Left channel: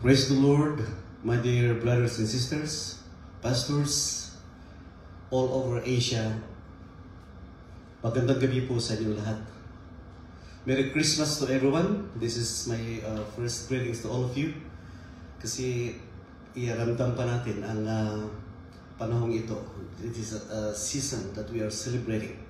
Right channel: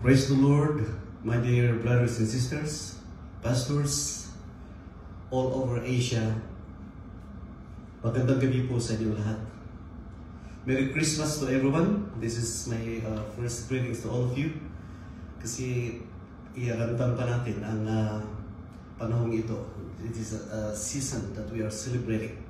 Praise the Lord, my dear brothers and sisters, pastors, all over Asia. Magandang gabi po sa inyo lahat. Merry Christmas to everyone. This is my first greetings to all of you. Kasi iaramdam pa natin ang panahong ito. It is a season that we are celebrating.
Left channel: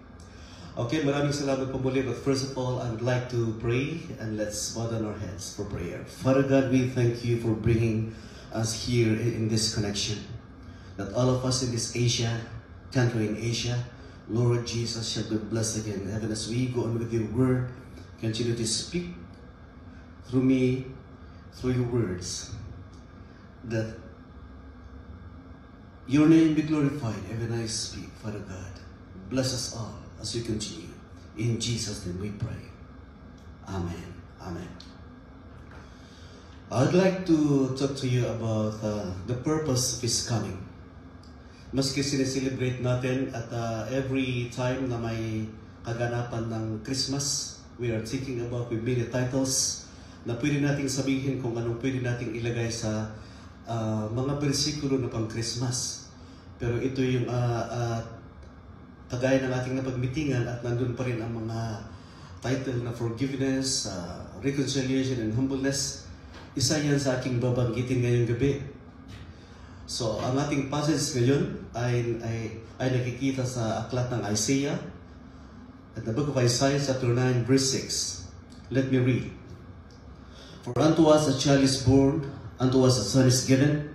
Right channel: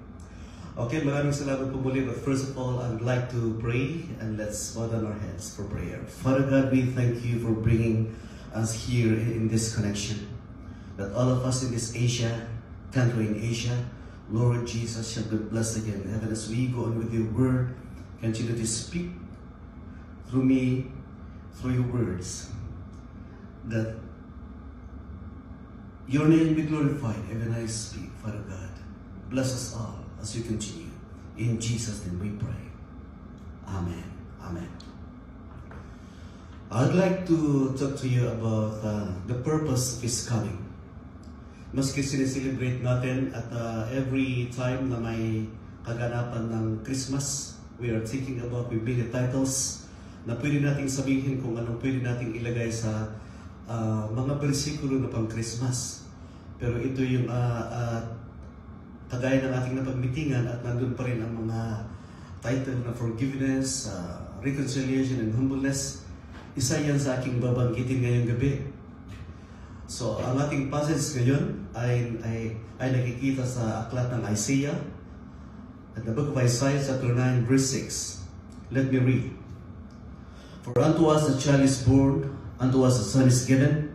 Okay, maraming salamat po muli. But first of all, I'd like to pray and let's bow down our heads for prayer. Father God, we thank you for bringing us here in this connection. That all of us in this country in Asia, Lord Jesus, shall be blessed again. Even as we go on with your word, continue to speak through me, through your words, that your name be glorified even as I speak, Father God. Bless us all as we continue. In Jesus' name we pray. Amen. Amen. I'd like to talk to you about the purpose of His coming. Maski sineselebrate natin at every time na may kaganapan ng Christmas, we are thinking about bibili titles na pwede nating sabihin kung anong pwede nating ilagay sa mga bersikulo na pang Christmas. Pero ito yung kagaya ng ating napagmitingan at nandun pa rin ang mga title na forgiveness, reconciliation, and humbleness. Isa yan sa aking babanggitin ngayong gabi. So, ang ating passage ngayon ay nakikita sa aklat ng Isaiah, at the book of Isaiah, chapter 9, verse 6. Let me read. For unto us a child is born, unto us a son is given,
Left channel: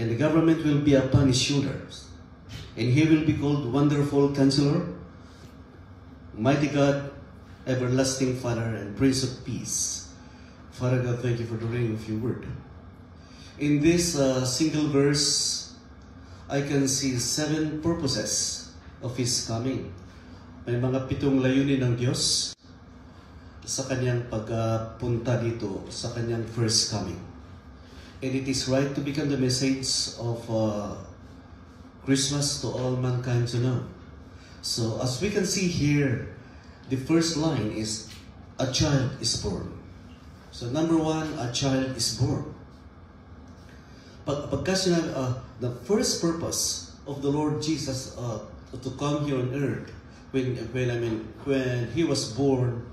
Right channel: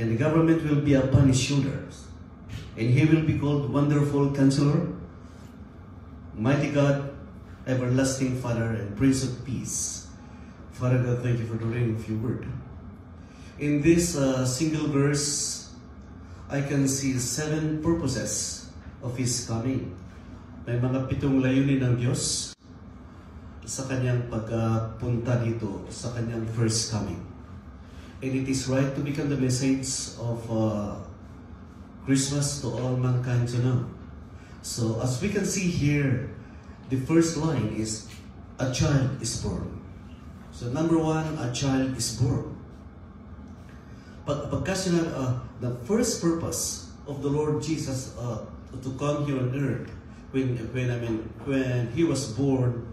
and the government will be upon his shoulders. And he will be called Wonderful Counselor, Mighty God, Everlasting Father, and Prince of Peace. Father God, thank you for the reading of your word. In this single verse, I can see 7 purposes of His coming. May mga 7 layunin ng Diyos sa kanyang pagpunta dito, sa kanyang first coming. And it is right to become the message of Christmas to all mankind to know. So, as we can see here, the first line is, a child is born. So, number 1, a child is born. Pagka sinabi, the first purpose of the Lord Jesus to come here on earth, when He was born,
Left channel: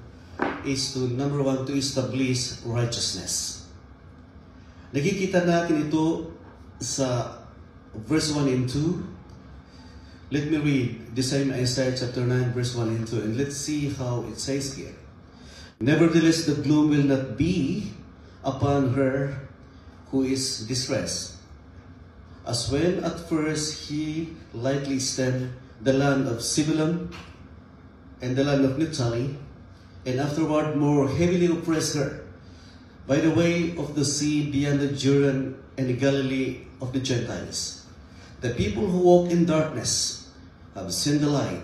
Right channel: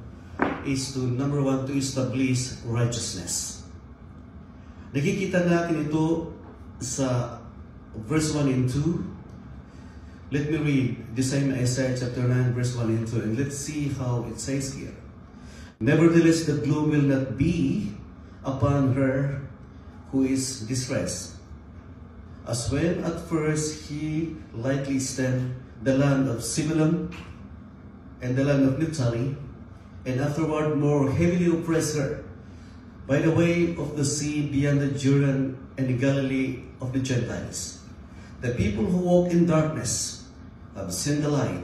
is to, number 1, to establish righteousness. Nakikita natin ito sa verse 1 and 2. Let me read the same Isaiah chapter 9, verse 1 and 2, and let's see how it says here. Nevertheless, the gloom will not be upon her who is distressed. As when at first he lightly stemmed the land of Zebulun and the land of Naphtali, and afterward more heavily oppressed her by the way of the sea beyond the Jordan and the Galilee of the Gentiles. The people who walk in darkness have seen the light.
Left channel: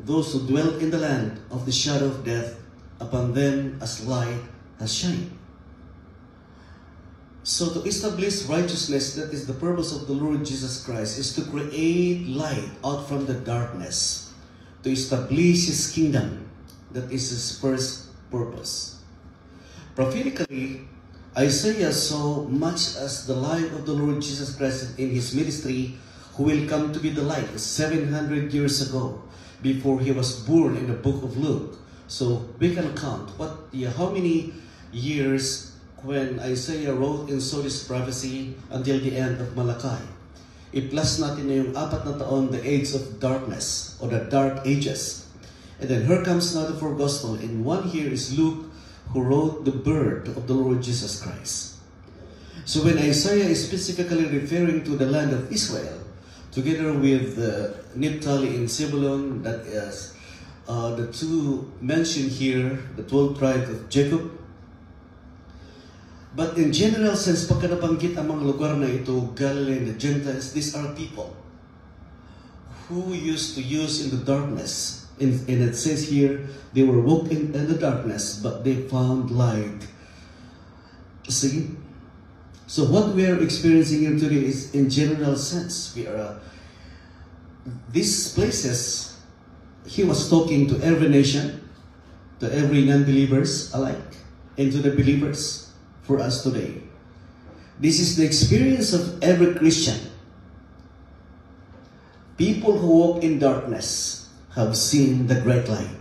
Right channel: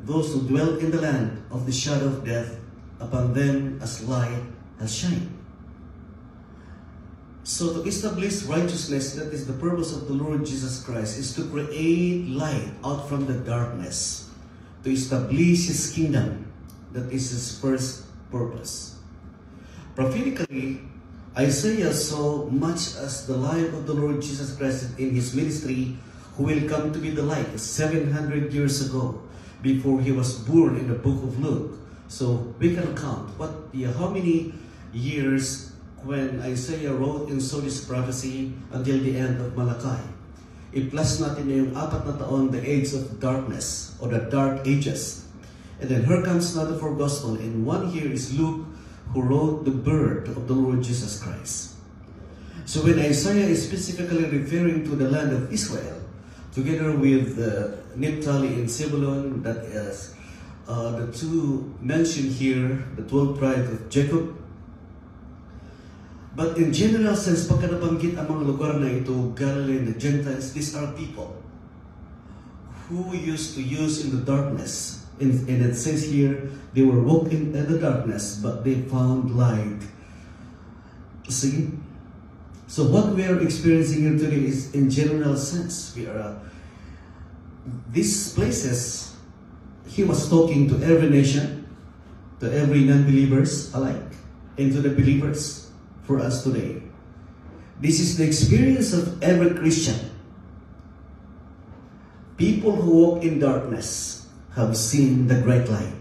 Those who dwell in the land of the shadow of death, upon them as light has shined. So to establish righteousness, that is the purpose of the Lord Jesus Christ, is to create light out from the darkness, to establish His kingdom. That is His first purpose. Prophetically, Isaiah saw much as the light of the Lord Jesus Christ in His ministry, who will come to be the light 700 years ago, before He was born in the book of Luke. So we can count how many years when Isaiah wrote and saw this prophecy until the end of Malachi. I-plus natin yung 4 na taon, the age of darkness, or the dark ages. And then here comes another 4 gospel, and one here is Luke, who wrote the birth of the Lord Jesus Christ. So when Isaiah is specifically referring to the land of Israel, together with Naphtali and Zebulun, that is the 2 mentioned here, the 12 tribes of Jacob. But in general sense, pagka nabanggit ang mga lugar na ito, Galilee and the Gentiles, these are people who used to use in the darkness. And it says here, they were walking in the darkness, but they found light. See? So what we are experiencing here today is in general sense. We are these places, He was talking to every nation, to every non-believers alike, and to the believers for us today. This is the experience of every Christian. People who walk in darkness have seen the great light.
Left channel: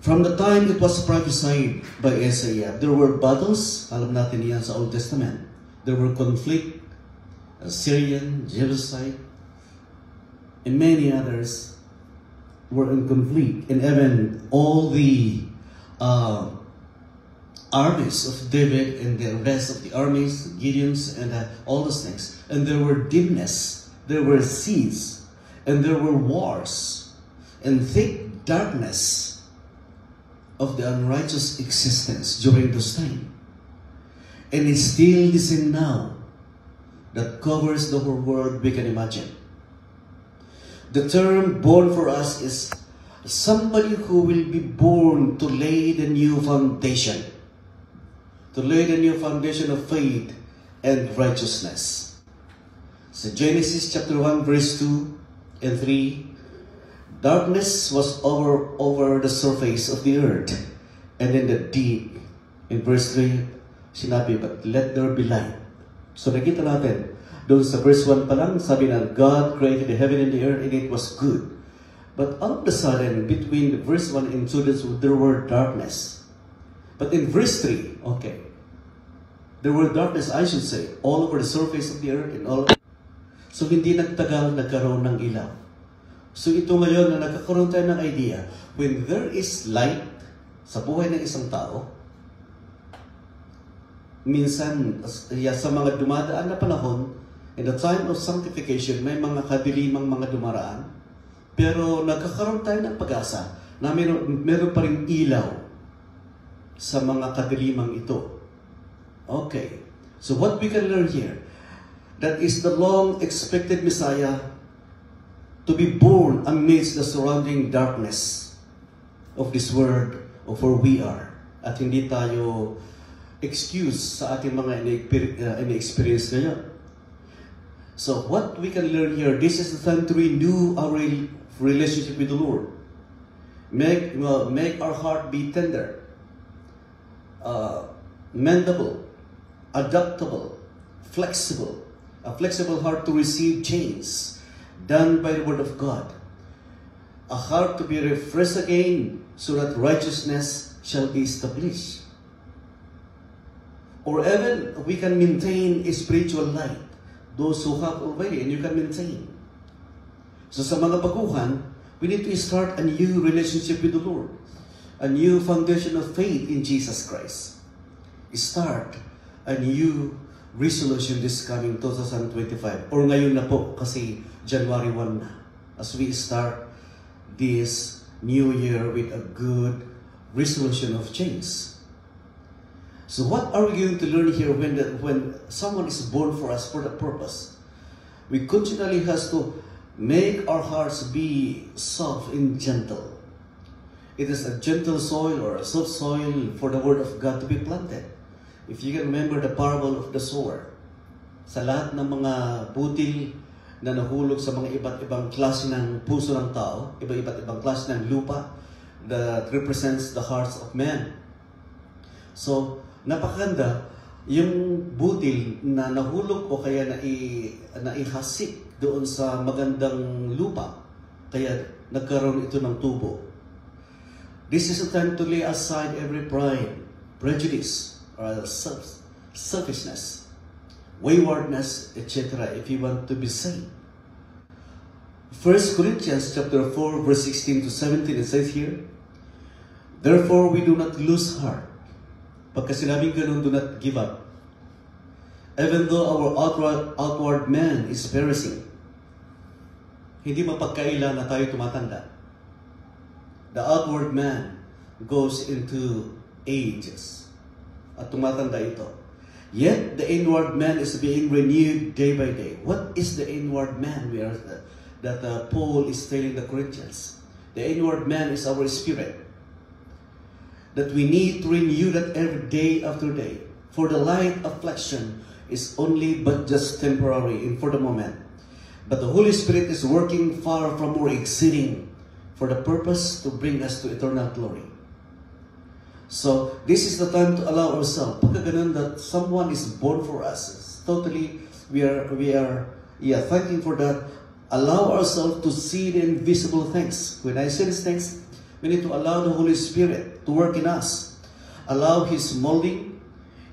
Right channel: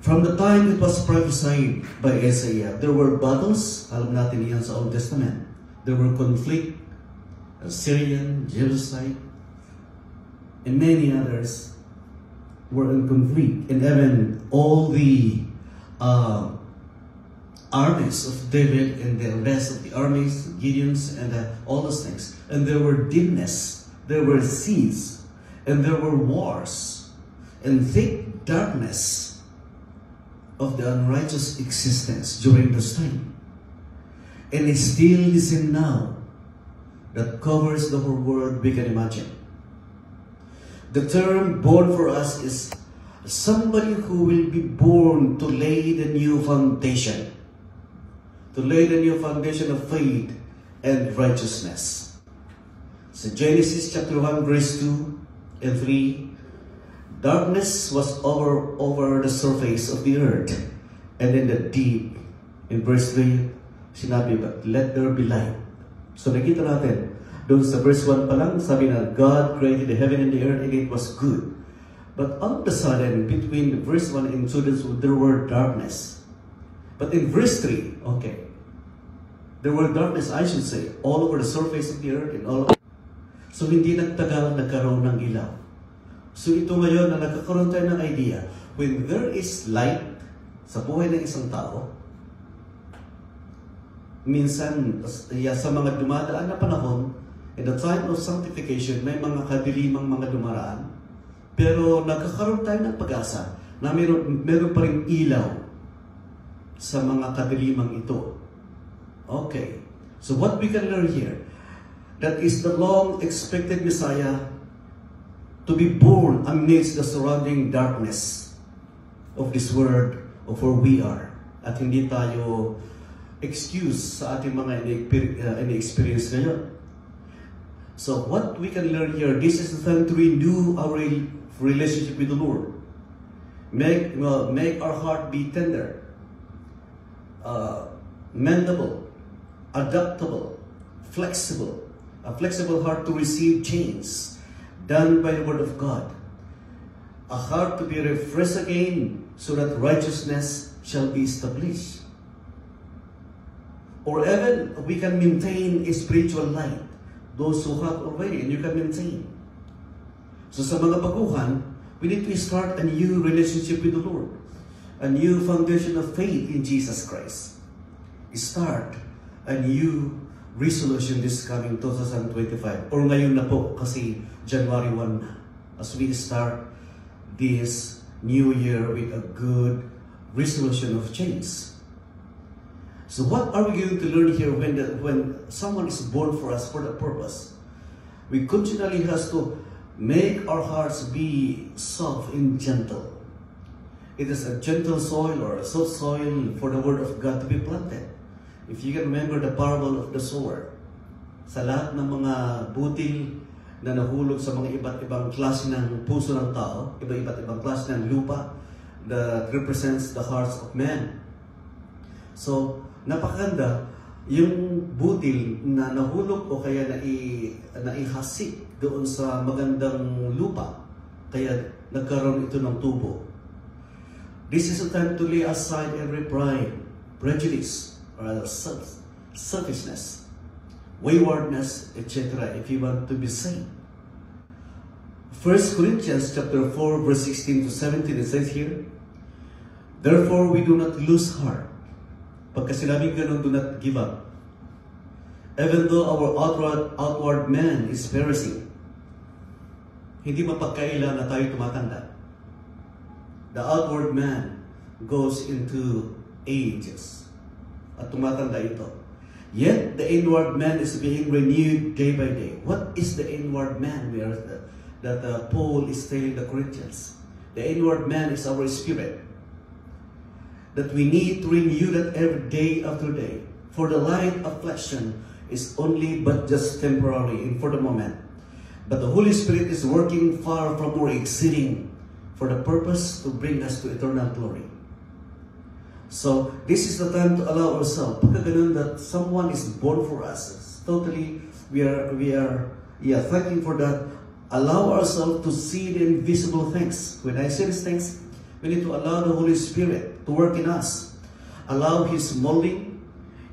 From the time it was prophesied by Isaiah, there were battles, alam natin yan sa Old Testament. There were conflict, Syrian, Jebusite, and many others were in conflict. And even all the armies of David and the rest of the armies, Gideon's and all those things. And there were dimness, there were seas, and there were wars, and thick darkness of the unrighteous existence during this time. And it's still the sin now that covers the whole world we can imagine. The term born for us is somebody who will be born to lay the new foundation, to lay the new foundation of faith and righteousness. So Genesis chapter 1 verse 2 and 3, darkness was over the surface of the earth, and then the deep. In verse 3, sinabi, but let there be light. So nakita natin, doon sa verse 1 pa lang, sabi na, God created the heaven and the earth, and it was good. But all of a sudden, between verse 1 and 2, there were darkness. But in verse 3, okay, there were darkness, I should say, all over the surface of the earth, and all over. So hindi nagtagal, nagkaroon ng ilaw. So ito ngayon na nagkakaroon tayo ng idea, when there is light sa buhay ng isang tao, minsan sa mga dumadaan na panahon, in the time of sanctification, may mga kadilimang mga dumaraan, pero nagkakaroon tayo ng pag-asa na meron pa rin ilaw sa mga kadilimang ito. Okay, so what we can learn here, that is the long-expected Messiah to be born amidst the surrounding darkness of this world of where we are. At hindi tayo excuse sa ating mga in-experience ngayon. So what we can learn here, this is the time to renew our relationship with the Lord. Make our heart be tender, mendable, adaptable, flexible. A flexible heart to receive change done by the Word of God. A heart to be refreshed again so that righteousness shall be established. Or even we can maintain a spiritual light. Those who have already, and you can maintain. So sa mga baguhan, we need to start a new relationship with the Lord. A new foundation of faith in Jesus Christ. Start a new resolution this coming 2025. Or ngayon na po kasi January 1 na. As we start this new year with a good resolution of change. So what are we going to learn here when someone is born for us for that purpose? We continually has to make our hearts be soft and gentle. It is a gentle soil or a soft soil for the Word of God to be planted. If you can remember the parable of the sower, sa lahat ng mga butil na nahulog sa mga iba't ibang klase ng puso ng tao, iba't ibang klase ng lupa that represents the hearts of men. So, napakaganda yung butil na nahulog o kaya naihasik doon sa magandang lupa, kaya nagkaroon ito ng tubo. This is a time to lay aside every pride, prejudice, or selfishness, waywardness, etc. if you want to be saved. 1 Corinthians chapter 4 verse 16 to 17, it says here, therefore we do not lose heart. Pagka sinabing ganun, do not give up. Even though our outward man is perishing, hindi mapagkaila na tayo tumatanda. The outward man goes into ages. At tumatanda ito. Yet, the inward man is being renewed day by day. What is the inward man that Paul is telling the Corinthians? The inward man is our spirit. That we need to renew that every day after day. For the light affliction is only but just temporary and for the moment. But the Holy Spirit is working far from more exceeding for the purpose to bring us to eternal glory. So, this is the time to allow ourselves, pagka ganun that someone is born for us, it's totally, we are fighting for that. Allow ourselves to see the invisible things. When I say these things, we need to allow the Holy Spirit to work in us. Allow His molding,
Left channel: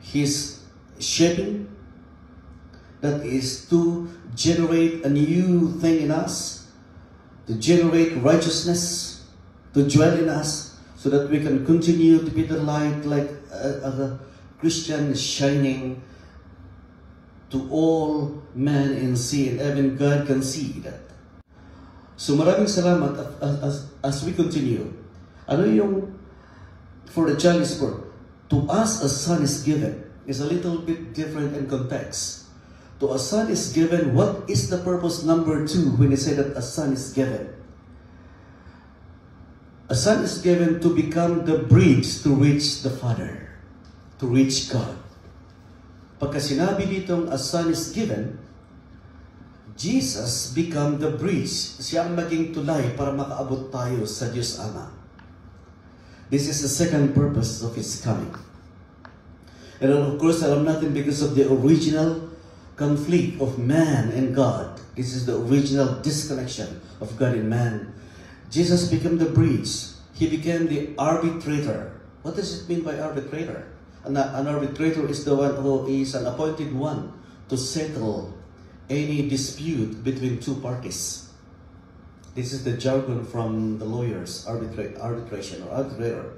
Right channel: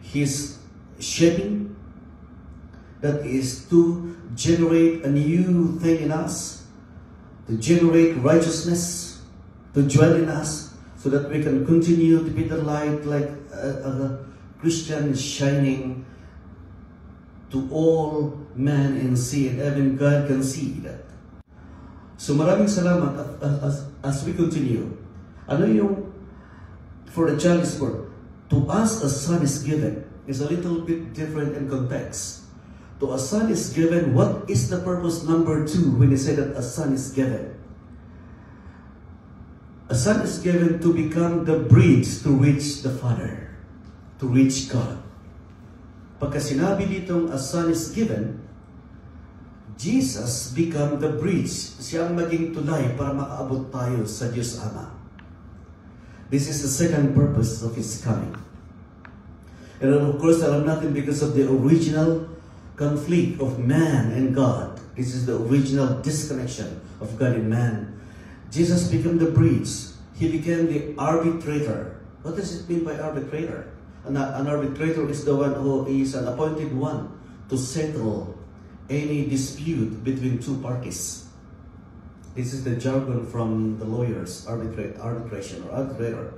His shaping, that is to generate a new thing in us, to generate righteousness, to dwell in us, so that we can continue to be the light like a Christian shining to all men and see, and even God can see that. So maraming salamat as we continue. Ano yung, for the child is born, to us a son is given, is a little bit different in context. To a son is given, what is the purpose number 2 when he said that a son is given? A son is given to become the bridge to reach the Father, to reach God. Pagka sinabi ditong a son is given, Jesus become the bridge. Siya ang maging tulay para makaabot tayo sa Diyos Ama. This is the second purpose of His coming. And of course, alam natin because of the original conflict of man and God. This is the original disconnection of God and man. Jesus became the bridge. He became the arbitrator. What does it mean by arbitrator? An arbitrator is the one who is an appointed one to settle any dispute between two parties. This is the jargon from the lawyers, arbitration or arbitrator.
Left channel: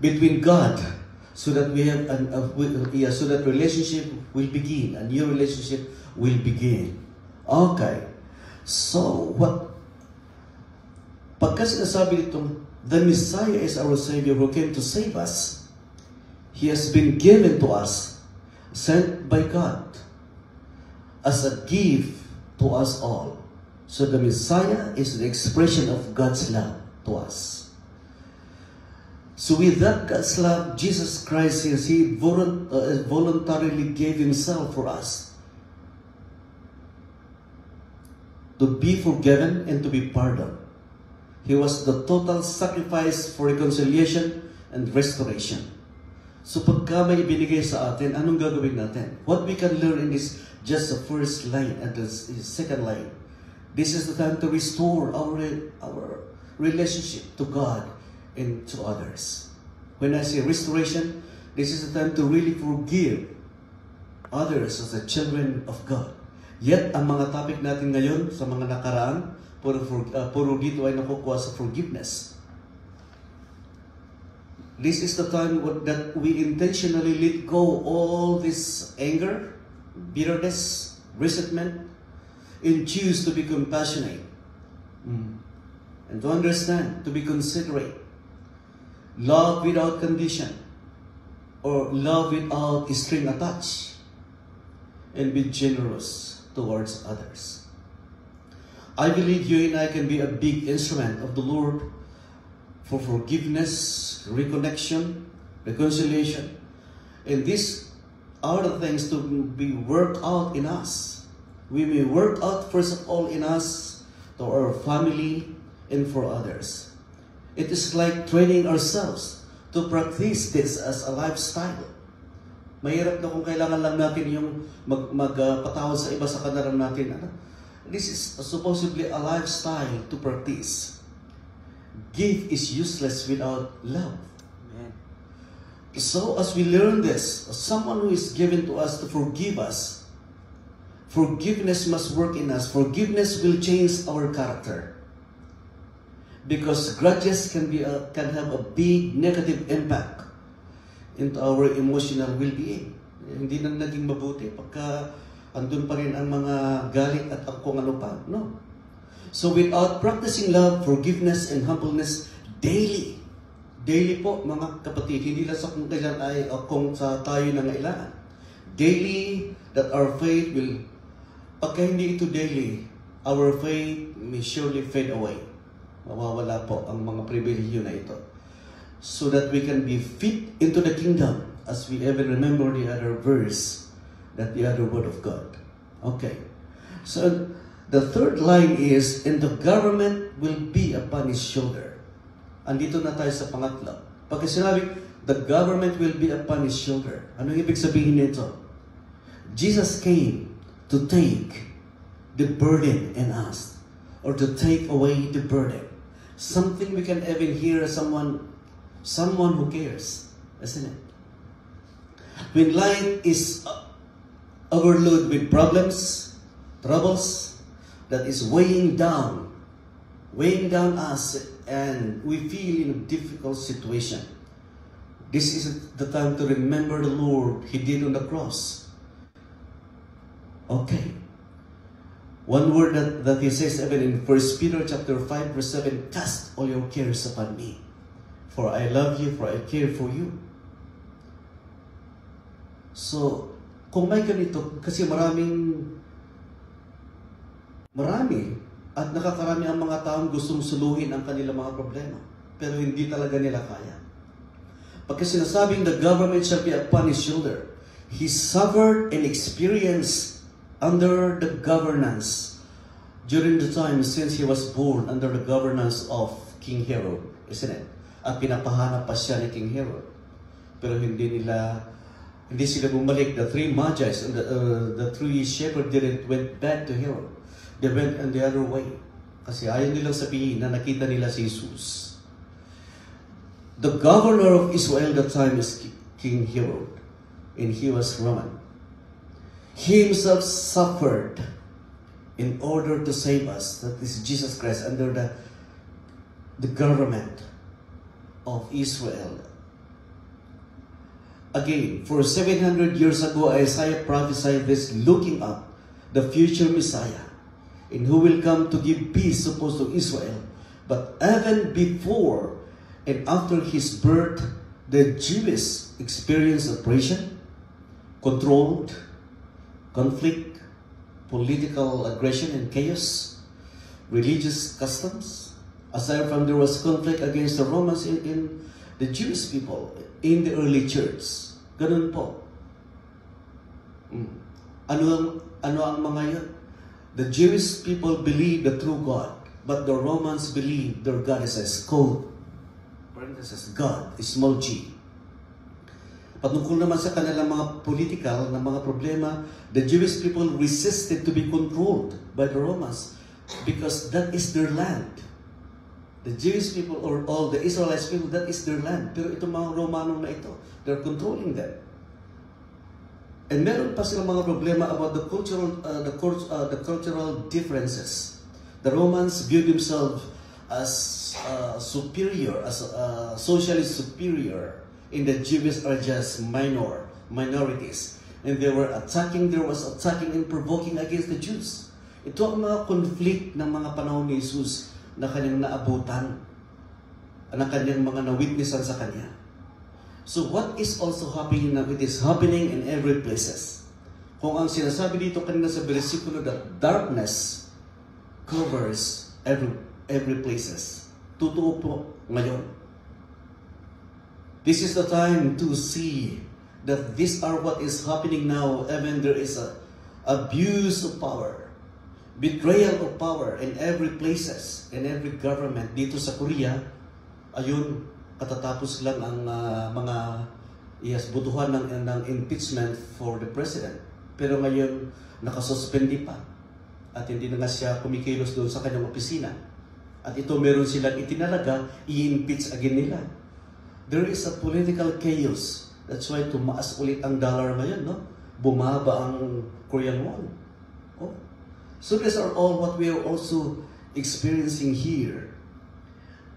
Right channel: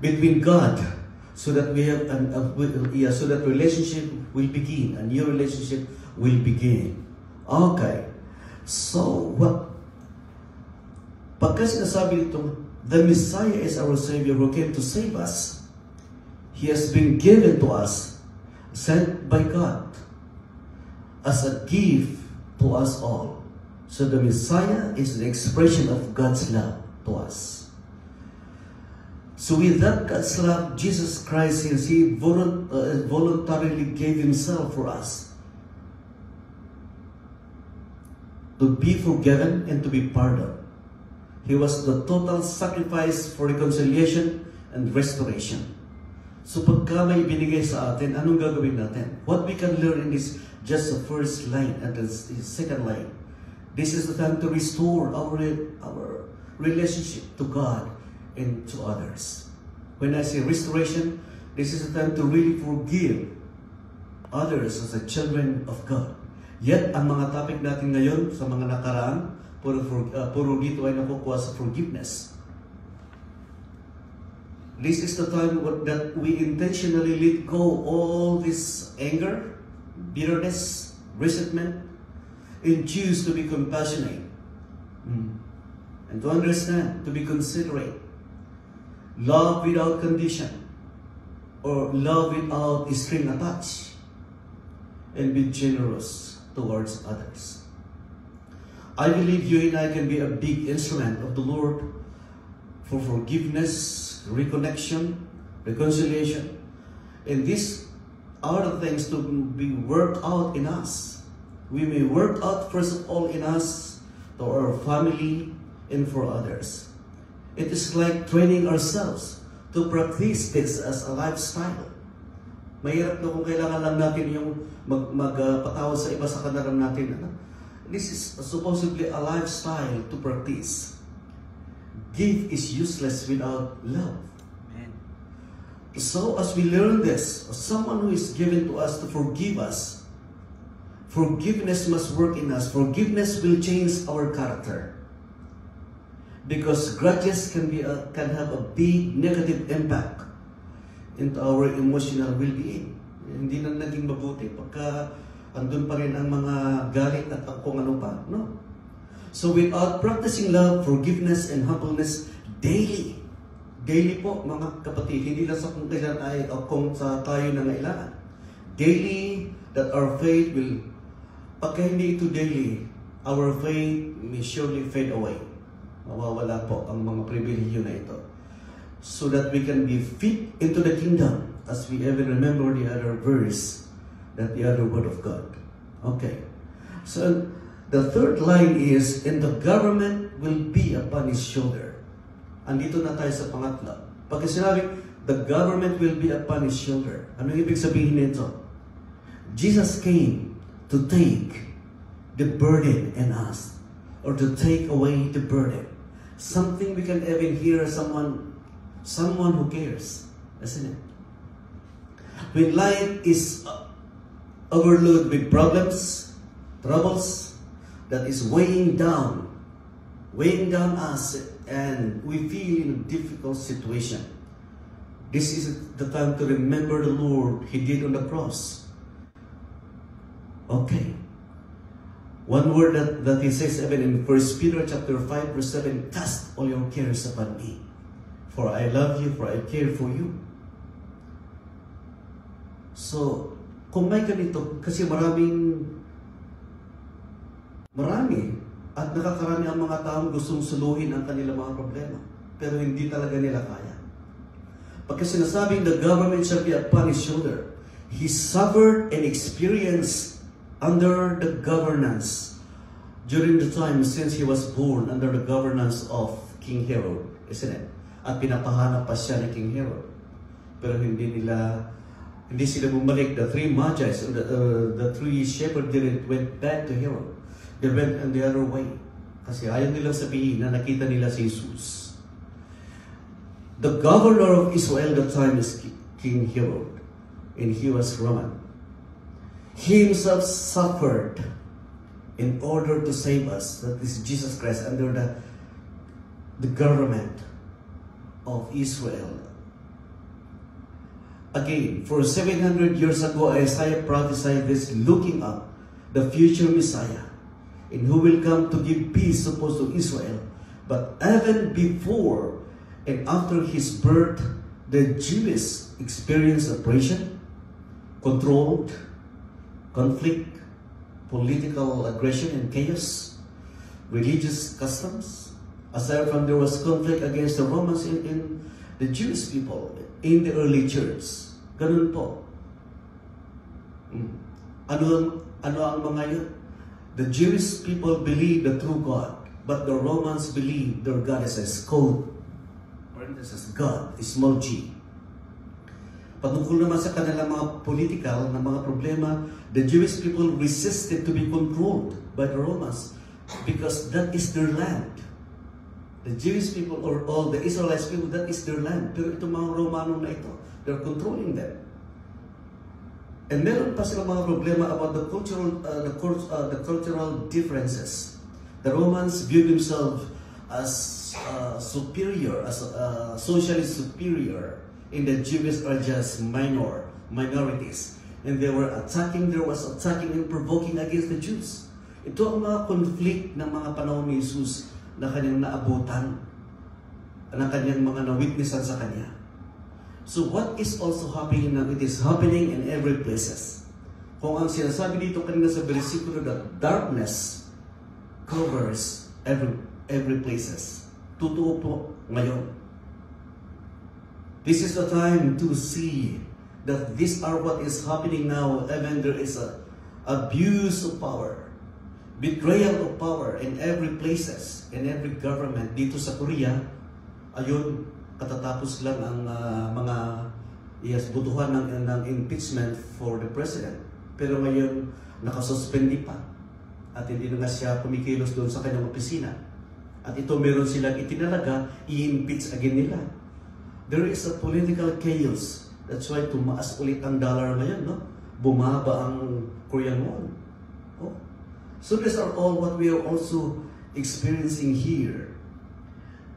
Between God, so that we have so that relationship will begin, a new relationship will begin. Okay. So what? Pagka sinasabi itong, the Messiah is our Savior who came to save us. He has been given to us, sent by God, as a gift to us all. So the Messiah is the expression of God's love to us. So with that God's love, Jesus Christ says He voluntarily gave Himself for us, to be forgiven and to be pardoned. He was the total sacrifice for reconciliation and restoration. So pagka may binigay sa atin, anong gagawin natin? What we can learn in this, just the first line and the second line. This is the time to restore our relationship to God and to others. When I say restoration, this is the time to really forgive others as the children of God. Yet, ang mga topic natin ngayon sa mga nakaraan, puro dito ay nakukuha sa forgiveness. This is the time that we intentionally let go all this anger, bitterness, resentment, and choose to be compassionate and to understand, to be considerate, love without condition, or love without string attached, and be generous towards others. I believe you and I can be a big instrument of the Lord for forgiveness, reconnection, reconciliation. And these are the things to be worked out in us. We may work out first of all in us, to our family, and for others. It is like training ourselves to practice this as a lifestyle. Mahirap na kung kailangan lang natin yung magpatawad sa iba sa kanaram natin. This is supposedly a lifestyle to practice. Gift is useless without love. Amen. So as we learn this, someone who is given to us to forgive us, forgiveness must work in us. Forgiveness will change our character. Because grudges can have a big negative impact into our emotional well-being. Hindi na naging mabuti pagka andun pa rin ang mga galit at kung ano pa. No. So without practicing love, forgiveness, and humbleness daily po mga kapatid, hindi lang sa kung kailan ay kung sa tayo nangailangan. Daily, that our faith will, pagka hindi ito daily, our faith may surely fade away. Mawawala po ang mga pribilehyo na ito. So that we can be fit into the kingdom, as we ever remember the other verse, that the other word of God. Okay. So, the third line is, and the government will be upon His shoulder. Andito na tayo sa pangatlo. Pag sinabi, The government will be upon his shoulder. Ano ibig sabihin nito? Jesus came to take the burden in us, or to take away the burden. Something we can even hear someone who cares, isn't it? When life is overloaded with problems, troubles, that is weighing down us, and we feel in a difficult situation, this is the time to remember the Lord He did on the cross. Okay. One word that He says even in 1 Peter chapter 5 verse 7, cast all your cares upon me, for I love you, for I care for you. So, kung may ganito, kasi marami at nakakarami ang mga taong gustong suluhin ang kanilang mga problema, pero hindi talaga nila kaya. Pagka sinasabing the government shall be upon his shoulder, he suffered and experienced under the governance during the time since he was born under the governance of King Herod, isn't it? At pinapahanap pa siya ni King Herod. Pero hindi sila bumalik. The three magi's, the three shepherds went back to Herod. They went on the other way. Kasi ayaw nilang sabihin na nakita nila si Jesus. The governor of Israel at the time is King Herod, and he was Roman. He himself suffered in order to save us. That is Jesus Christ under the government of Israel. Again, for 700 years ago, Isaiah prophesied this, looking up the future Messiah, and who will come to give peace, supposed to Israel. But even before and after his birth, the Jews experienced oppression, controlled, conflict, political aggression and chaos, religious customs. Aside from there was conflict against the Romans in the Jewish people in the early church. Ganun po. Ano ang mga yun? The Jewish people believe the true God, but the Romans believe their God is code. Parenthesis, God, small g. Patungkol naman sa kanilang mga political na mga problema, the Jewish people resisted to be controlled by the Romans because that is their land. The Jewish people, or all the Israelites people, that is their land. Pero itong mga Romanong na ito, they're controlling them. And meron pa silang mga problema about the cultural differences. The Romans viewed themselves as superior, as socially superior, and the Jews are just minorities. And there was attacking and provoking against the Jews. Ito ang mga conflict ng mga panahon ni Jesus na kanyang naabutan, na kanyang mga na-witnessan sa kanya. So what is also happening now? It is happening in every places. Kung ang sinasabi dito kanina sa versikulo that darkness covers every places. Totoo po ngayon. This is the time to see that these are what is happening now. Even there is a abuse of power, betrayal of power in every places, in every government. Dito sa Korea, ayun, katatapos lang ang mga butuhan ng impeachment for the president. Pero ngayon, nakasuspende pa. At hindi na siya kumikilos doon sa kanyang opisina. At ito meron silang itinalaga, i-impeach again nila. There is a political chaos. That's why tumaas ulit ang dollar ngayon, no? Bumaba ang Korean won. Oh. So these are all what we are also experiencing here.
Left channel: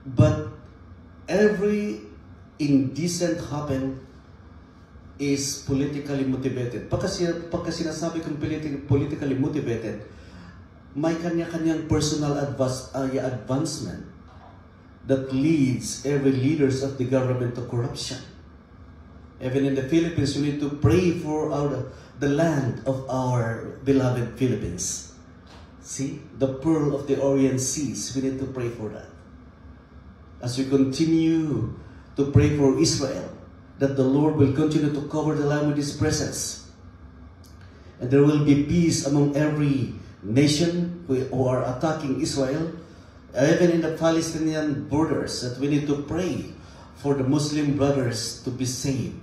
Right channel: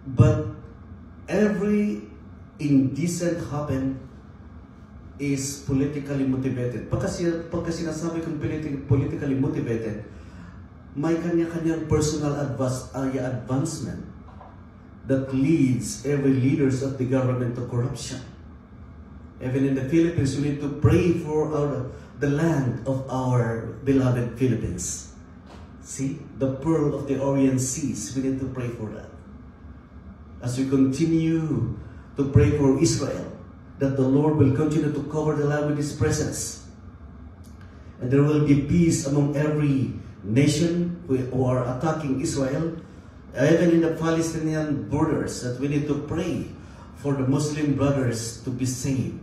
But every indecent happen is politically motivated. Pagka sinasabi kong politically motivated, may kanya-kanyang personal advancement that leads every leaders of the government to corruption. Even in the Philippines, we need to pray for the land of our beloved Philippines. See, the pearl of the Orient Seas, we need to pray for that. As we continue to pray for Israel, that the Lord will continue to cover the land with His presence. And there will be peace among every nation who are attacking Israel, even in the Palestinian borders, that we need to pray for the Muslim brothers to be saved.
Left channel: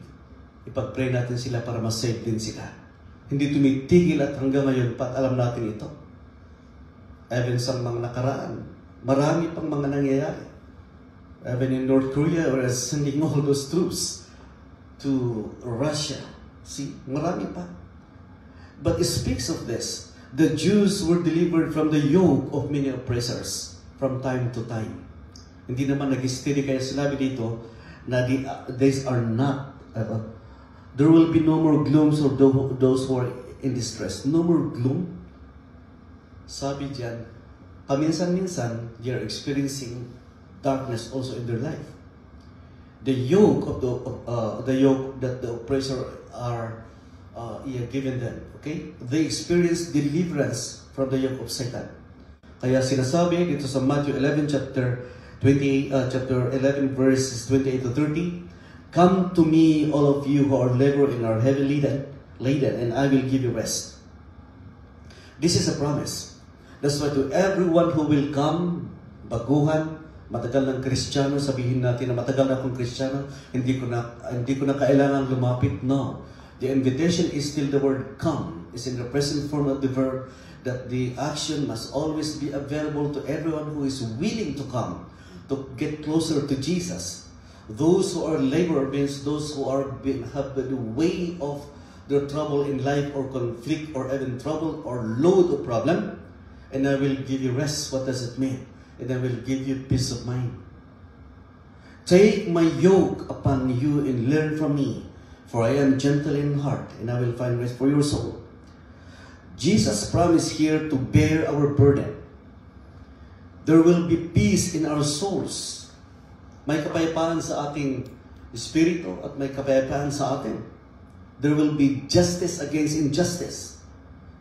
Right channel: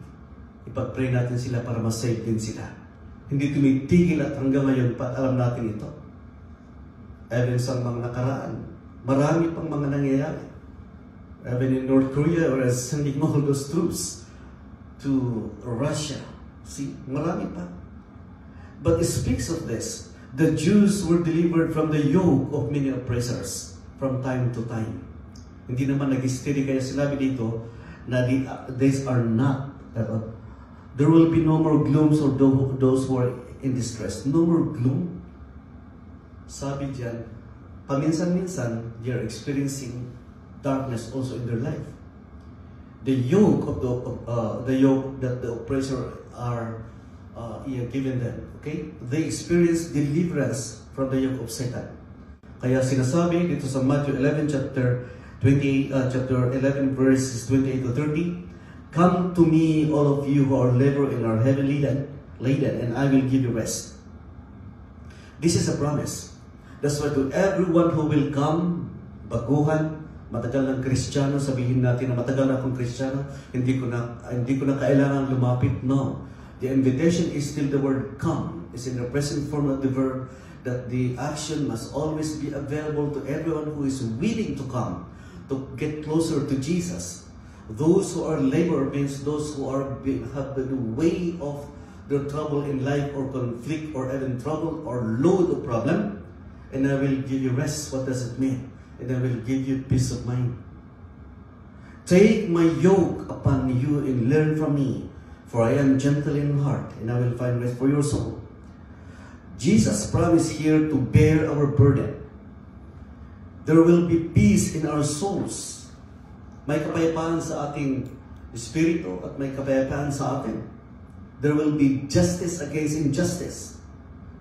Ipag-pray natin sila para ma-save din sila. Hindi tumitigil at hanggang ngayon pa alam natin ito. Even sa mga nakaraan, marami pang mga nangyayari. Even in North Korea, we're sending all those troops to Russia. See, marami pa. But it speaks of this. The Jews were delivered from the yoke of many oppressors from time to time. Hindi naman nag-steady kaya sinabi dito na these are not, there will be no more glooms or those who are in distress. No more gloom. Sabi diyan, paminsan-minsan, they are experiencing darkness also in their life. The yoke of the yoke that the oppressor are given them, okay? They experience deliverance from the yoke of Satan. Kaya sinasabi dito sa Matthew 11 chapter 11 verses 28 to 30, "Come to me, all of you who are laboring and are heavy laden, and I will give you rest." This is a promise. That's why to everyone who will come, baguhan, matagal ng Kristiyano, sabihin natin na matagal na akong Kristiyano, hindi ko na kailangan lumapit. No. The invitation is still the word come. It's in the present form of the verb that the action must always be available to everyone who is willing to come, to get closer to Jesus. Those who are labor means those who have the way of their trouble in life or conflict or even trouble or load of problem. And I will give you rest. What does it mean? And I will give you peace of mind. Take my yoke upon you and learn from me, for I am gentle in heart, and I will find rest for your soul. Jesus promised here to bear our burden. There will be peace in our souls. May kapayapaan sa ating espiritu at may kapayapaan sa atin. There will be justice against injustice.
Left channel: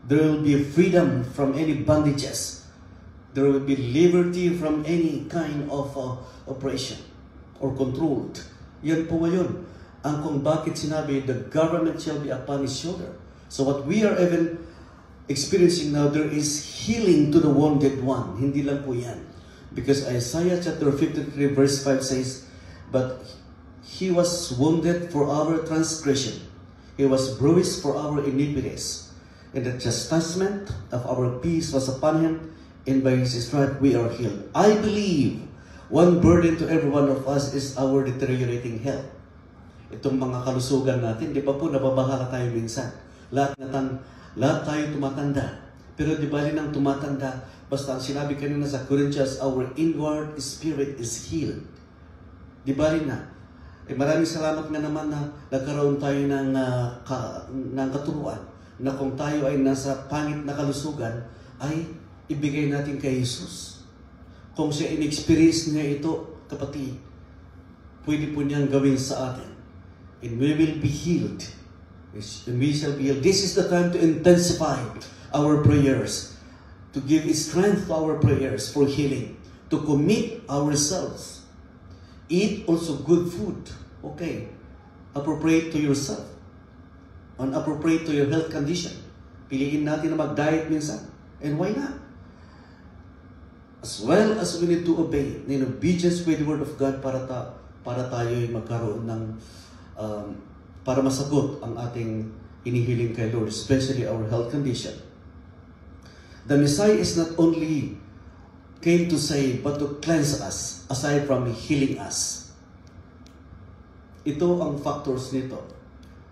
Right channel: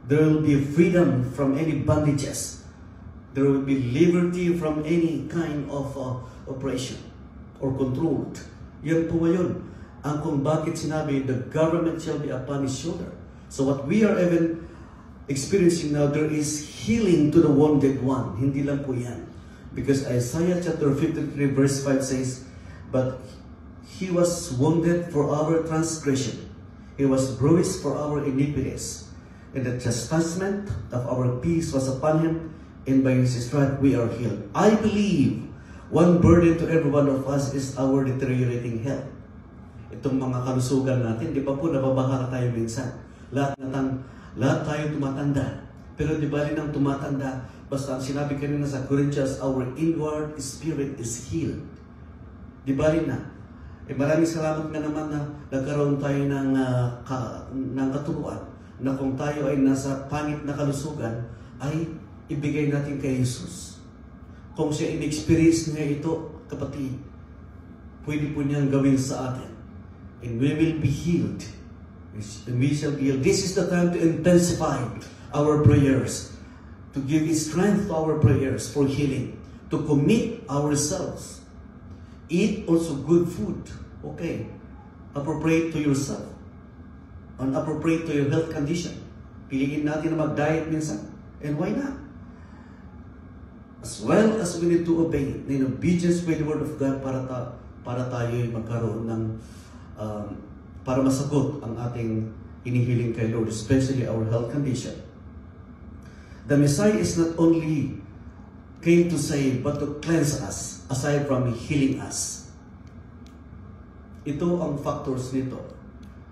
There will be freedom from any bondages. There will be liberty from any kind of oppression or control. Yan po ngayon ang kung bakit sinabi, the government shall be upon his shoulder. So what we are even experiencing now, there is healing to the wounded one. Hindi lang po yan. Because Isaiah chapter 53 verse 5 says, "But he was wounded for our transgression. He was bruised for our iniquities. And the chastisement of our peace was upon him, and by his stripes we are healed." I believe one burden to every one of us is our deteriorating health. Itong mga kalusugan natin, di ba po nababahala tayo minsan? Lahat tayo tumatanda. Pero di ba rin ang tumatanda, basta ang sinabi kanina sa Corinthians, our inward spirit is healed. Di ba rin na? Maraming salamat nga naman na nagkaroon tayo ng katuruan na kung tayo ay nasa pangit na kalusugan, ay ibigay natin kay Jesus. Kung siya in-experience niya ito, kapatid, pwede po niyang gawin sa atin. And we will be healed. And we shall be healed. This is the time to intensify our prayers, to give strength to our prayers for healing, to commit ourselves. Eat also good food. Okay. Appropriate to yourself. And appropriate to your health condition. Piliin natin na mag-diet minsan. And why not? As well as we need to obey in obedience with the Word of God para tayo magkaroon ng para masagot ang ating inihiling kay Lord, especially our health condition. The Messiah is not only came to save, but to cleanse us, aside from healing us. Ito ang factors nito.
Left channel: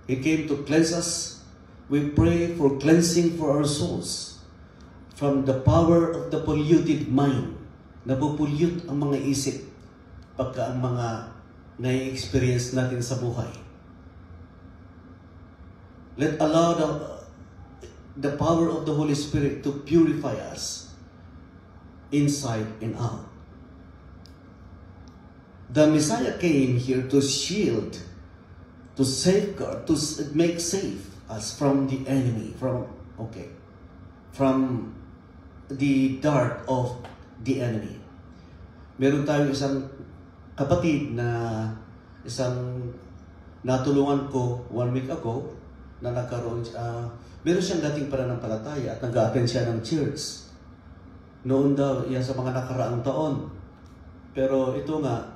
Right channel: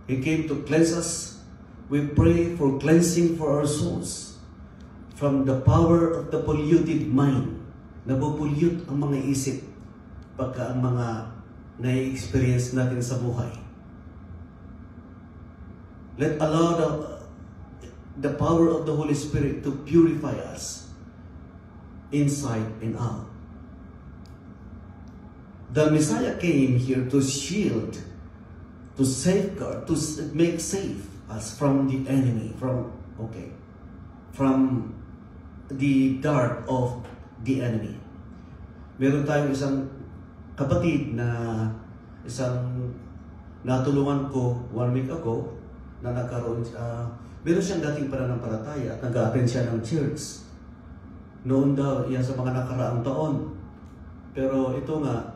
He came to cleanse us. We pray for cleansing for our souls from the power of the polluted mind. Nabupulyut ang mga isip pagka ang mga na-experience natin sa buhay. Let allow the power of the Holy Spirit to purify us inside and out. The Messiah came here to shield, to safeguard, to make safe us from the enemy, from the dart of the enemy. Meron tayong isang kapatid na natulungan ko 1 week ago na nagkaroon, meron siyang dating pananampalataya at nag-attend siya ng church. Noon daw, yan sa mga nakaraang taon. Pero ito nga,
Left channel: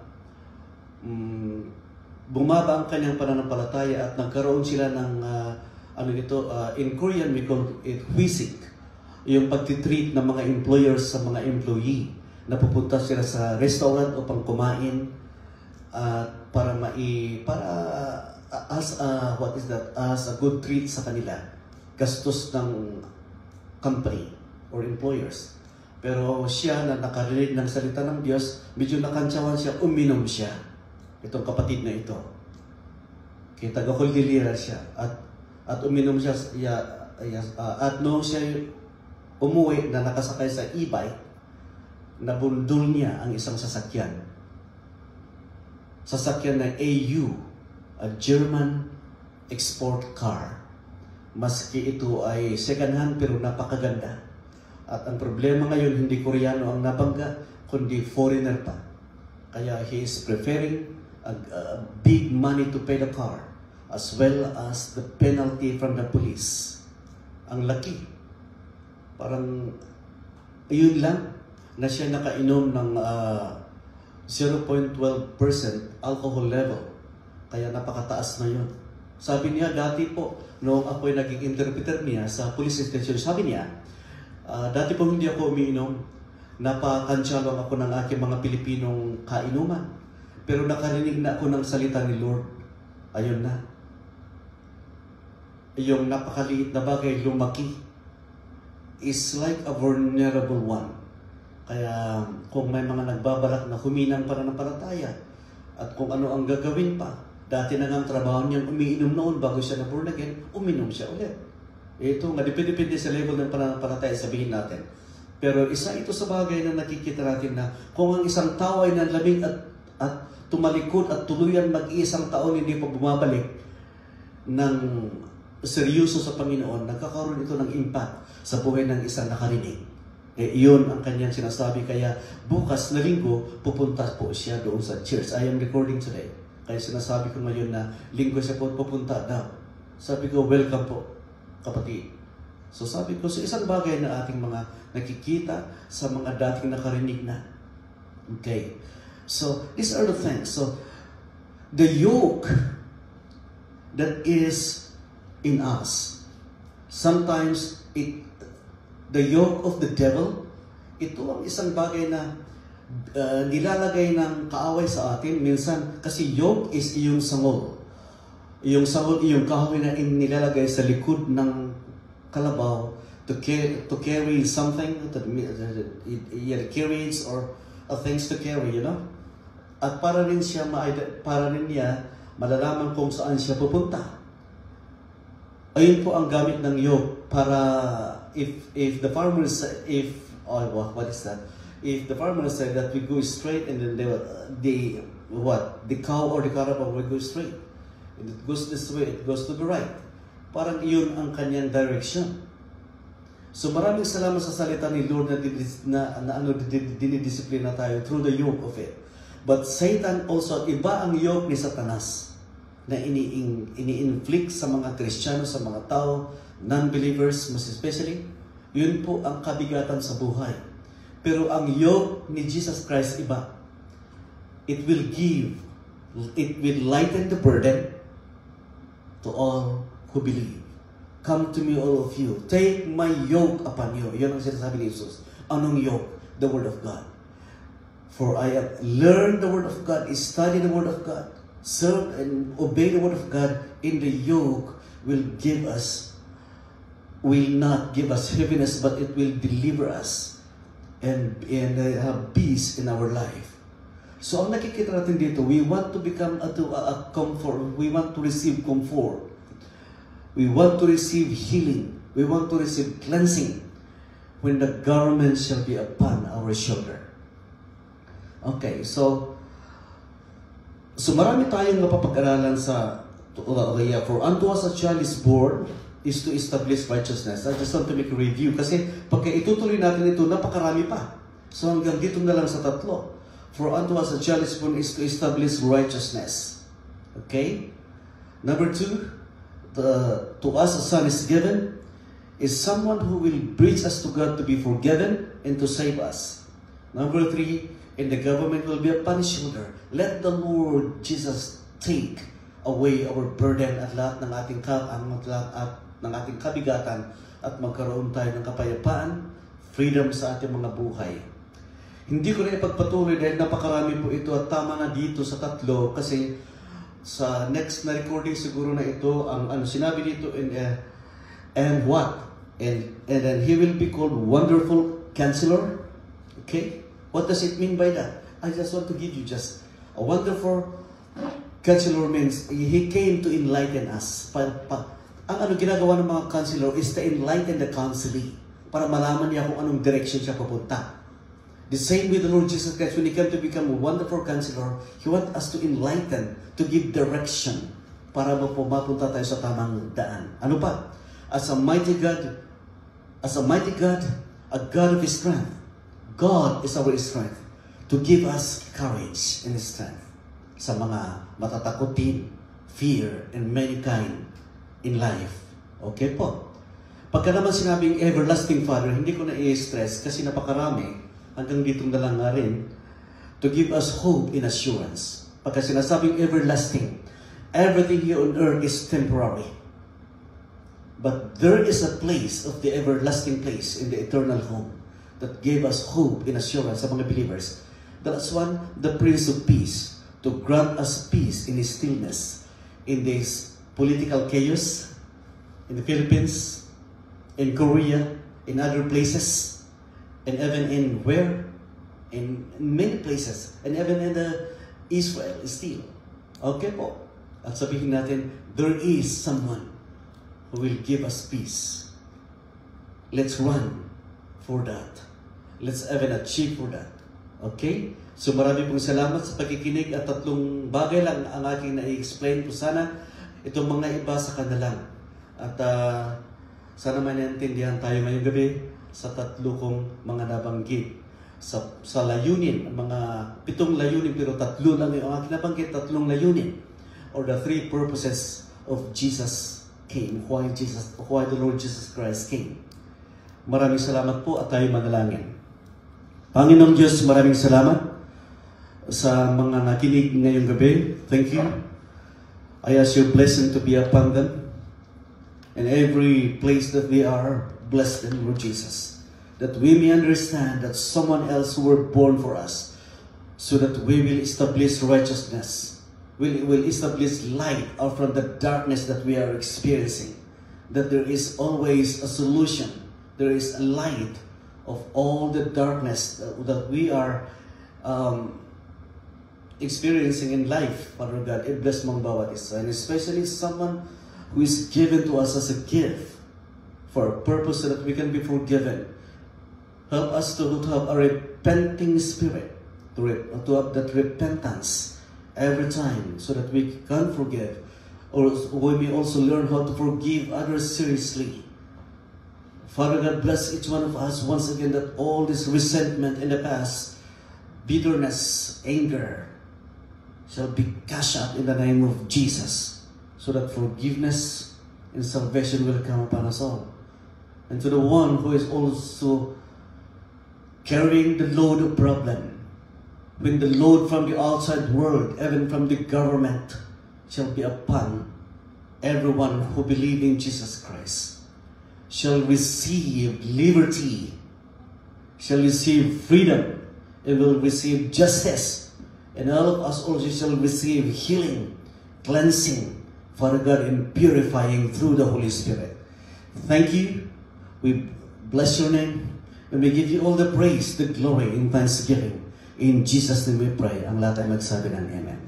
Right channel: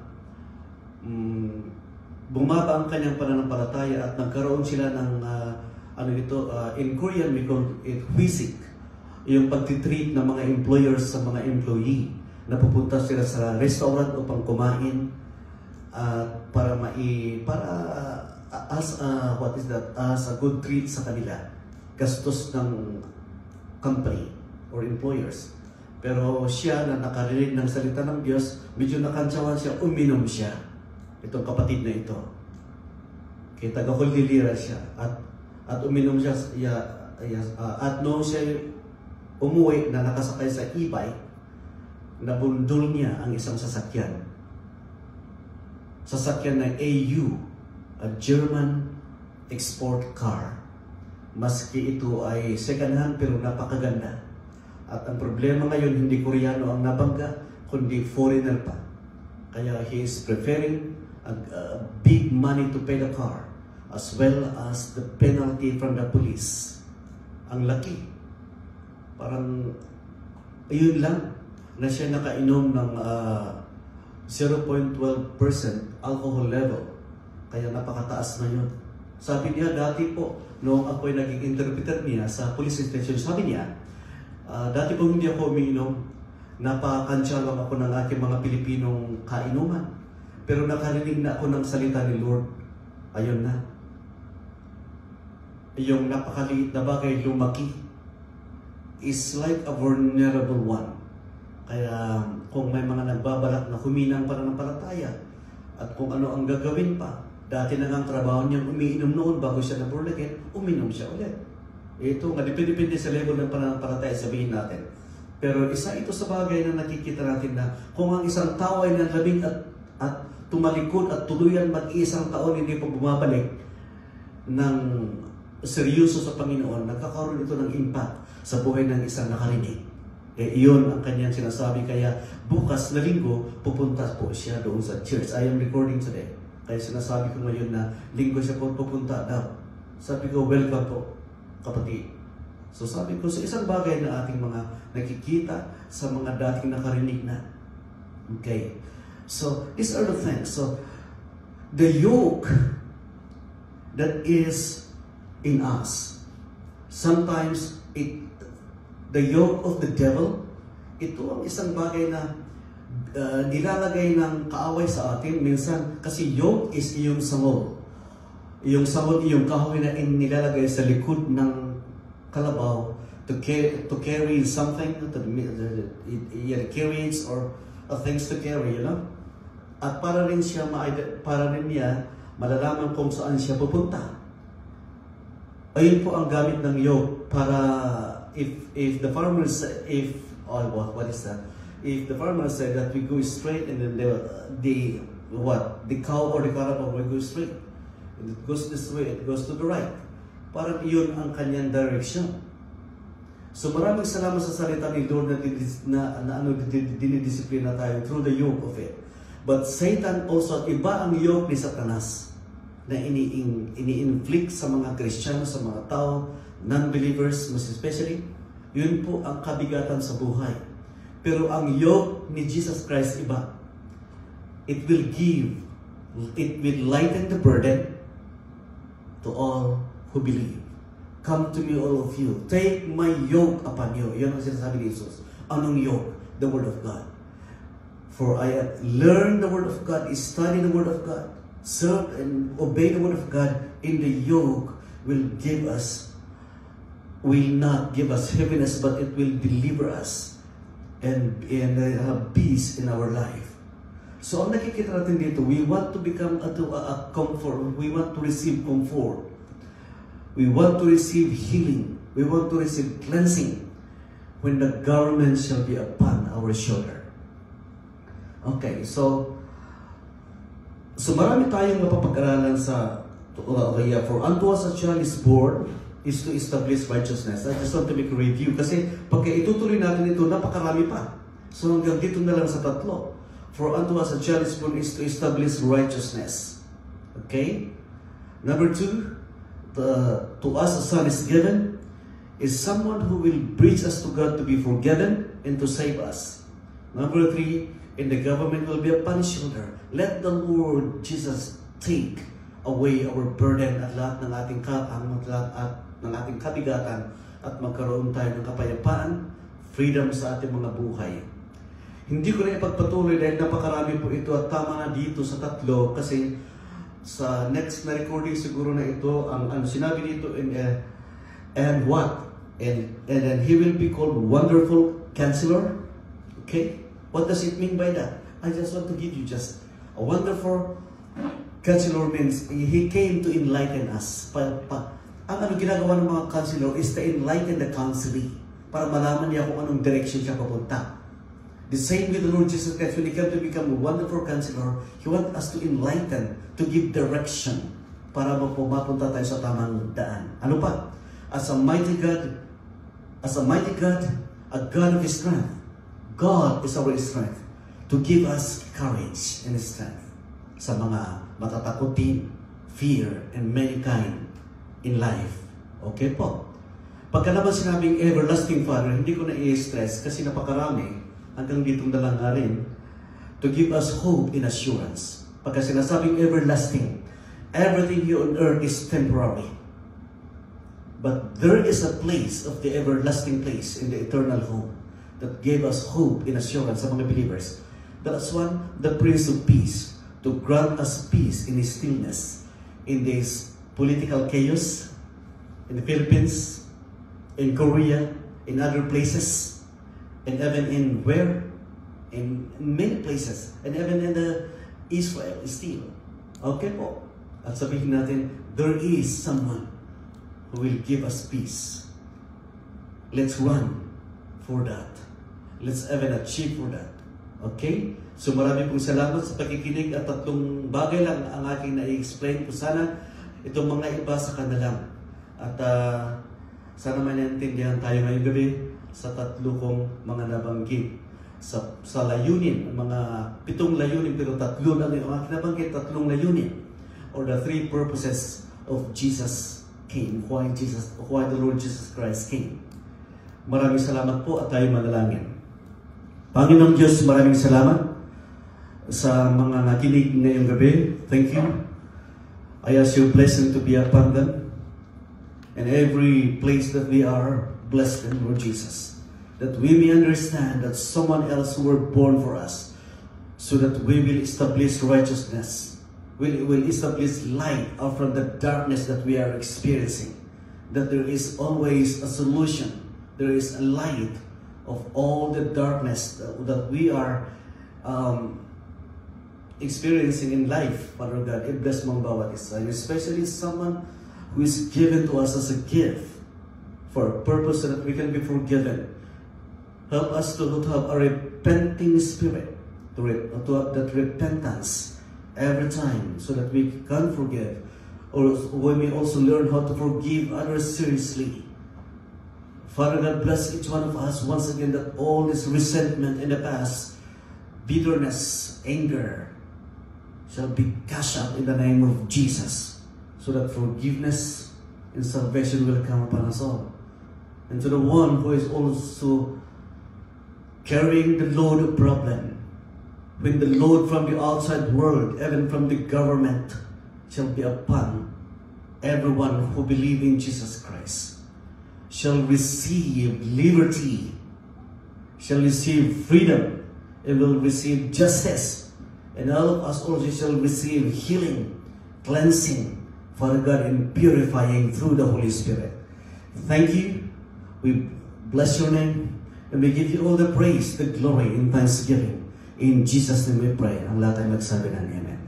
bumaba ang kanyang pananampalataya at nagkaroon sila ng in Korean we call it hwisik, yung pagtitreat ng mga employers sa mga employee na pupunta sila sa restaurant upang kumain as a good treat sa kanila, gastos ng company or employers. Pero siya na nakarinig ng salita ng Diyos, medyo nakantsawan siya, uminom siya. Itong kapatid na ito. Kaya taga-Cordillera siya. At uminom siya, at noong siya umuwi na nakasakay sa e-bike, nabundol niya ang isang sasakyan. Sasakyan na AU, a German export car. Maski ito ay second hand pero napakaganda. At ang problema ngayon, hindi Koreano ang nabangga, kundi foreigner pa. Kaya he is preferring big money to pay the car, as well as the penalty from the police. Ang laki. Parang, yun lang, na siya nakainom ng 0.12% alcohol level. Kaya napakataas na yun. Sabi niya, dati po, noong ako'y naging interpreter niya sa police station, sabi niya, dati po hindi ako umiinom, napakansya lang ako ng aking mga Pilipinong kainuman. Pero nakarinig na ako ng salita ni Lord, ayun na. Yung napakaliit na bagay, lumaki, is like a vulnerable one. Kaya kung may mga nagbabalak na huminang pananampalataya, at kung ano ang gagawin pa, dati na nga ang trabaho niya, umiinom noon bago siya na-born again, uminom siya ulit. Ito nga, depende sa level ng pananampalataya, sabihin natin. Pero isa ito sa bagay na nakikita natin na kung ang isang tao ay nanlamig at tumalikod at tuluyan mag-iisang taon hindi pa bumabalik ng seryoso sa Panginoon, nagkakaroon ito ng impact sa buhay ng isang nakarinig. Iyon ang kanyang sinasabi. Kaya bukas na linggo, pupunta po siya doon sa church. I am recording today. Kaya sinasabi ko ngayon na linggo siya po pupunta daw. Sabi ko, welcome po, kapatid. So sabi ko, sa isang bagay na ating mga nakikita sa mga dating nakarinig na. Okay. So, these are the things. So, the yoke that is in us, sometimes the yoke of the devil, ito ang isang bagay na nilalagay ng kaaway sa atin. Minsan, kasi yoke is iyong sangol. Yung sangol, iyong kahoy na nilalagay sa likod ng kalabaw to carry something, carriage or things to carry, you know? At para rin niya malalaman kung saan siya pupunta. Ayun po ang gamit ng yoke para if the farmer if the farmer said that we go straight and then the cow or the carabao will go straight. And it goes this way, it goes to the right. Parang iyon ang kanyang direction. So maraming salamat sa salita ni Lord na dinidisiplina tayo through the yoke of it. But Satan also, iba ang yoke ni Satanas na ini-inflict sa mga Kristiyano, sa mga tao, non-believers, most especially. Yun po ang kabigatan sa buhay. Pero ang yoke ni Jesus Christ iba. It will lighten the burden to all who believe. Come to me, all of you. Take my yoke upon you. Yun ang sinasabi ni Jesus. Anong yoke? The Word of God. For I have learned the Word of God, study the Word of God, serve and obey the Word of God, in the yoke will not give us heaviness, but it will deliver us and have peace in our life. So ang nakikita natin dito, we want to become a comfort. We want to receive comfort. We want to receive healing. We want to receive cleansing when the government shall be upon our shoulder. Okay, so marami tayong mapapag-aralan sa for unto us a child is born is to establish righteousness. I just want to make a review kasi pagka itutuloy natin ito, napakarami pa. So hanggang dito na lang sa tatlo. For unto us a child is born is to establish righteousness. Okay? Number 2, to us a son is given is someone who will bridge us to God to be forgiven and to save us. Number 3, and the government will be upon his shoulder. Let the Lord Jesus take away our burden at lahat ng ating kabigatan at magkaroon tayo ng kapayapaan, freedom sa ating mga buhay. Hindi ko na ipagpatuloy dahil napakarami po ito at tama na dito sa tatlo kasi sa next na recording siguro na ito ang sinabi dito and what? And then he will be called Wonderful Counselor. Okay? What does it mean by that? I just want to give you just a wonderful counselor means he came to enlighten us. Ang ginagawa ng mga counselor is to enlighten the counselee para malaman niya kung anong direction siya papunta. The same with the Lord Jesus Christ, when He came to become a wonderful counselor, He wants us to enlighten, to give direction para mapunta tayo sa tamang daan. Ano pa? As a mighty God, a God of His strength. God is our strength to give us courage and strength sa mga matatakutin, fear, and many kind in life. Okay po? Pagka naman sinabing everlasting Father, hindi ko na i-stress kasi napakarami. Hanggang dito na lang nga rin, to give us hope and assurance. Pagka sinasabing everlasting, everything here on earth is temporary. But there is a place of the everlasting place in the eternal home that gave us hope and assurance sa mga believers. That's one, the Prince of Peace, to grant us peace in His stillness, in this political chaos, in the Philippines, in Korea, in other places, and even in where? In many places. And even in the Israel still. Okay po. At sabihin natin, there is someone who will give us peace. Let's run for that. Let's even achieve for that. Okay? So marami pong salamat sa pakikinig at tatlong bagay lang ang aking na-explain po. Sana itong mga iba sa kanilang. At sana maintindihan tayo ngayong gabi sa tatlo kong mga nabanggit. Sa layunin, mga 7 layunin, pero tatlo lang yung aking nabanggit, 3 layunin. Or the 3 purposes of Jesus came. Why the Lord Jesus Christ came. Maraming salamat po at tayo manalangin. Panginoong Diyos, maraming salamat sa mga nakinig ngayong gabi. Thank you. I ask your blessing to be upon them. And every place that we are, bless them, Lord Jesus. That we may understand that someone else were born for us. So that we will establish righteousness. We will establish light out from the darkness that we are experiencing. That there is always a solution. There is a light of all the darkness that we are experiencing in life, Father God. Bless mong bawat isa. And especially someone who is given to us as a gift for a purpose so that we can be forgiven. Help us to have a repenting spirit, to have that repentance every time so that we can forgive. Or we may also learn how to forgive others seriously. Father God, bless each one of us once again that all this resentment in the past, bitterness, anger, shall be cast out in the name of Jesus so that forgiveness and salvation will come upon us all. And to the one who is also carrying the load of problem, when the load from the outside world, even from the government, shall be upon everyone who believes in Jesus Christ, shall receive liberty, shall receive freedom, and will receive justice, and all of us also shall receive healing, cleansing, Father God, and purifying through the Holy Spirit. Thank you. We bless your name. And we give you all the praise, the glory, and thanksgiving. In Jesus' name we pray. Ang lahat ay magsabi ng Amen.